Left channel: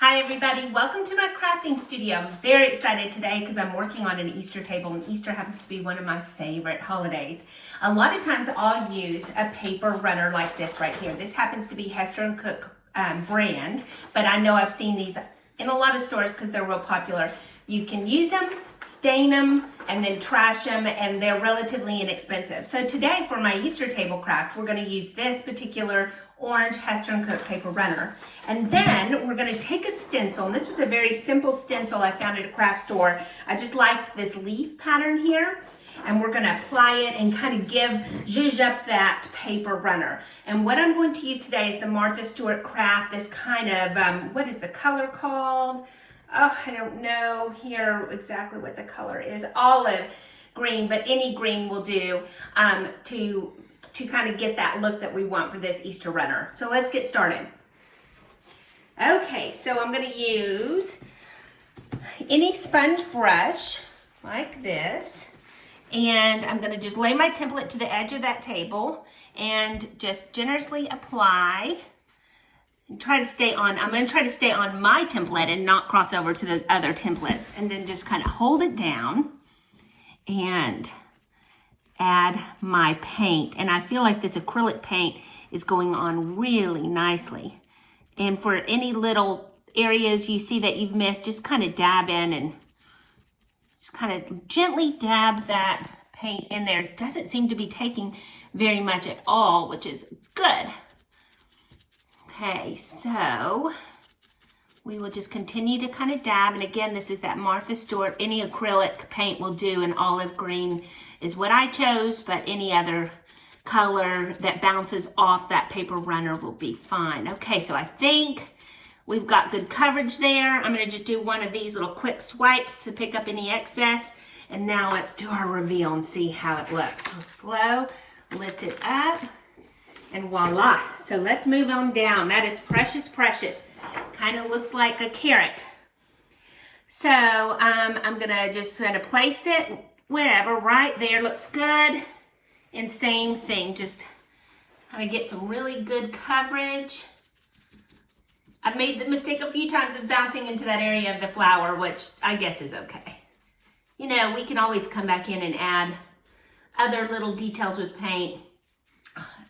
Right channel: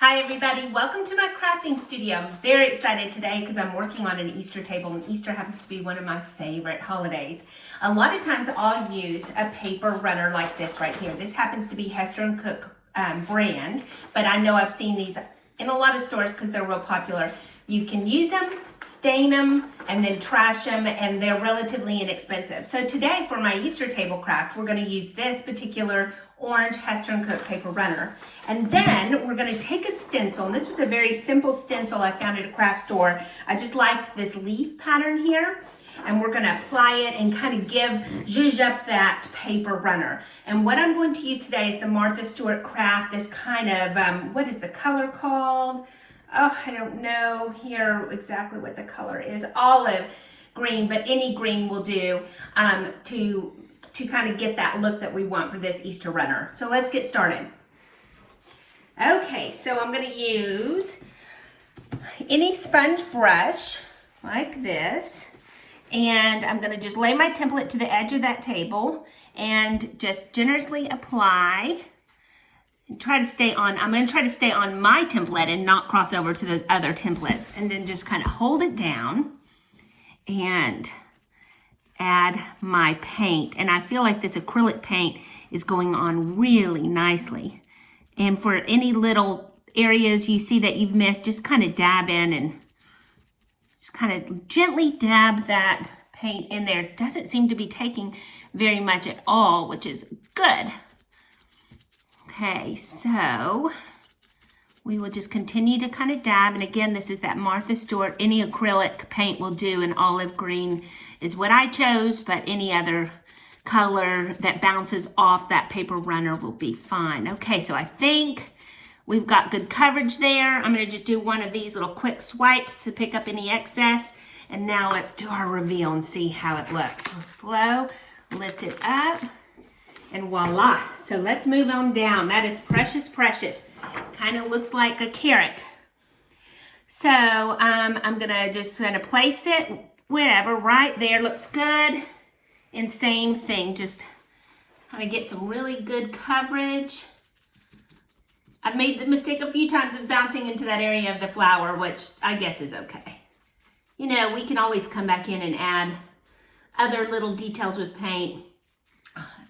Hi everybody, welcome to my crafting studio. I'm very excited today because I'm working on an Easter table, and Easter happens to be one of my favorite holidays. A lot of times I'll use a paper runner like this right here. This happens to be Hester & Cook brand, but I know I've seen these in a lot of stores because they're real popular. You can use them, stain them, and then trash them, and they're relatively inexpensive. So today for my Easter table craft, we're going to use this particular orange Hester & Cook paper runner. And then we're going to take a stencil, and this was a very simple stencil I found at a craft store. I just liked this leaf pattern here, and we're going to apply it and kind of zhuzh up that paper runner. And what I'm going to use today is the Martha Stewart Craft, this kind of, what is the color called? Oh, I don't know here exactly what the color is. Olive green, but any green will do to kind of get that look that we want for this Easter runner. So let's get started. Okay, so I'm going to use any sponge brush like this, and I'm going to just lay my template to the edge of that table and just generously apply and try to stay on. I'm going to try to stay on my template and not cross over to those other templates, and then just kind of hold it down and add my paint. And I feel like this acrylic paint is going on really nicely. And for any little areas you see that you've missed, just kind of dab in and just kind of gently dab that paint in there. It doesn't seem to be taking very much at all, which is good. Okay, so we will just continue to kind of dab. And again, this is that Martha Stewart. Any acrylic paint will do, and olive green is what I chose, but any other color that bounces off that paper runner will be fine. Okay, so I think we've got good coverage there. I'm going to just do one of these little quick swipes to pick up any excess. And now let's do our reveal and see how it looks. So slow, lift it up, and voila. So let's move on down. That is precious, precious. Kind of looks like a carrot. So I'm going to place it wherever, right there. Looks good. And same thing, just kind of get some really good coverage. I've made the mistake a few times of bouncing into that area of the flower, which I guess is okay. You know, we can always come back in and add other little details with paint,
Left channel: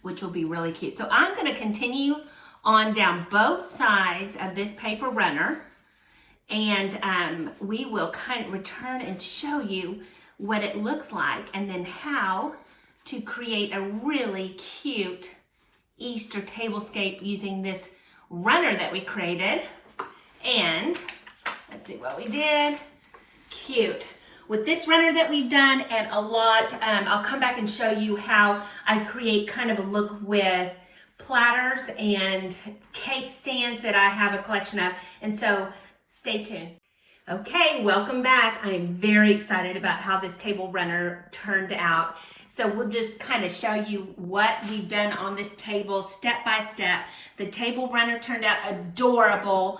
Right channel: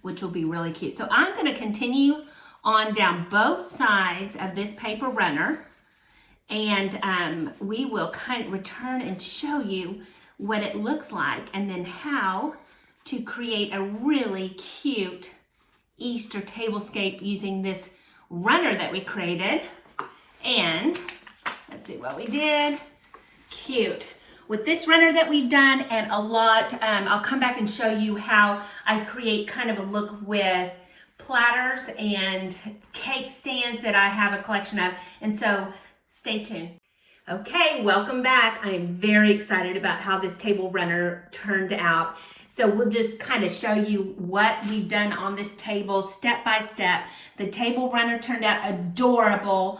which will be really cute. So I'm going to continue on down both sides of this paper runner, and we will kind of return and show you what it looks like, and then how to create a really cute Easter tablescape using this runner that we created. And let's see what we did. Cute. With this runner that we've done, and a lot, I'll come back and show you how I create kind of a look with platters and cake stands that I have a collection of. And so stay tuned. Okay, welcome back. I am very excited about how this table runner turned out. So we'll just kind of show you what we've done on this table step by step. The table runner turned out adorable.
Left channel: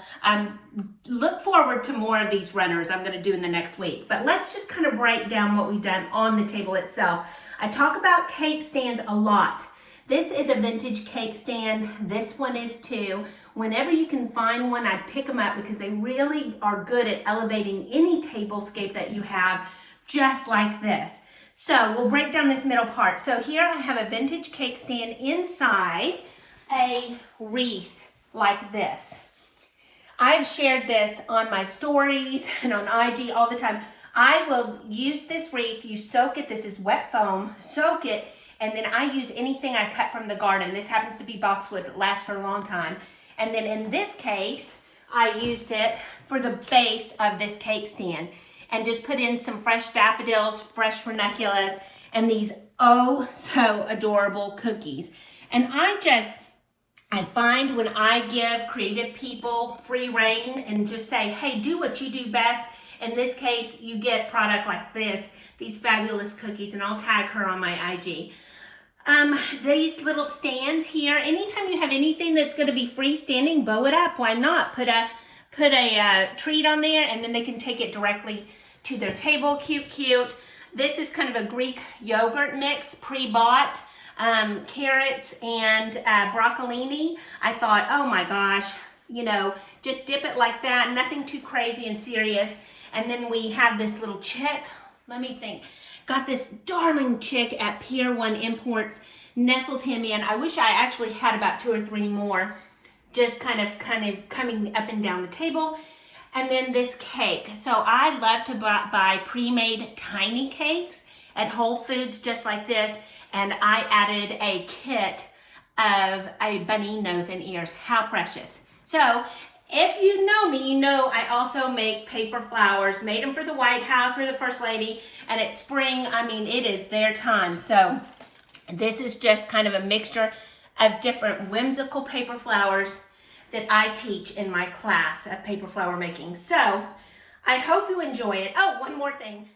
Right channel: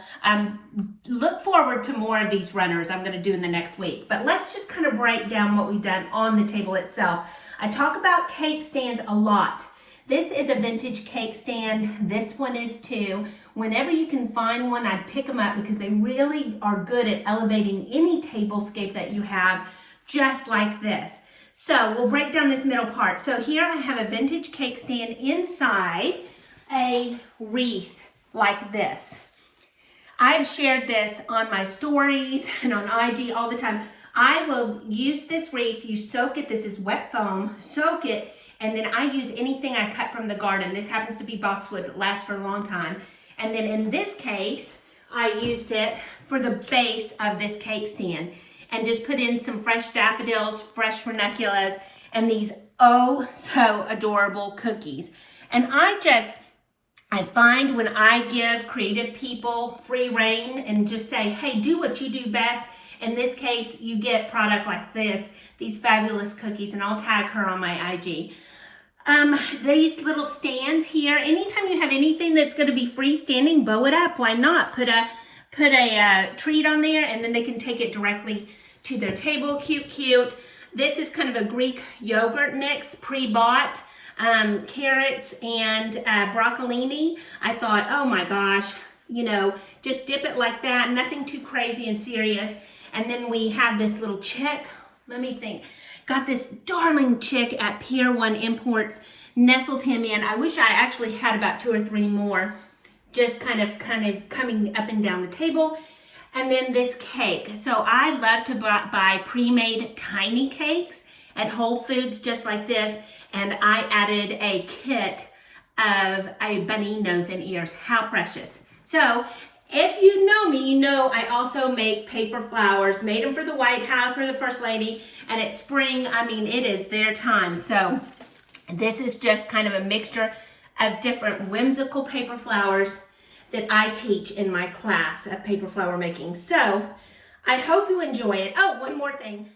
Look forward to more of these runners I'm going to do in the next week. But let's just kind of break down what we've done on the table itself. I talk about cake stands a lot. This is a vintage cake stand. This one is too. Whenever you can find one, I pick them up because they really are good at elevating any tablescape that you have, just like this. So we'll break down this middle part. So here I have a vintage cake stand inside a wreath like this. I've shared this on my stories and on IG all the time. I will use this wreath. You soak it. This is wet foam. Soak it. And then I use anything I cut from the garden. This happens to be boxwood. It lasts for a long time. And then in this case, I used it for the base of this cake stand, and just put in some fresh daffodils, fresh ranunculus, and these oh so adorable cookies. And I find when I give creative people free reign and just say, hey, do what you do best. In this case, you get product like this, these fabulous cookies, and I'll tag her on my IG. These little stands here, anytime you have anything that's going to be freestanding, bow it up. Why not? Put a treat on there, and then they can take it directly to their table. Cute, cute. This is kind of a Greek yogurt mix, pre-bought, carrots and broccolini. I thought, oh my gosh, you know, just dip it like that, nothing too crazy and serious. And then we have this little chick, let me think, got this darling chick at Pier 1 Imports, nestled him in. I wish I actually had about 2 or 3 more, just kind of coming up and down the table. And then this cake. So I love to buy pre-made tiny cakes at Whole Foods, just like this. And I added a kit of a bunny nose and ears. How precious. So if you know me, you know I also make paper flowers, made them for the White House for the First Lady. And it's spring, I mean, it is their time. So this is just kind of a mixture of different whimsical paper flowers that I teach in my class of paper flower making. So I hope you enjoy it. Oh, one more thing.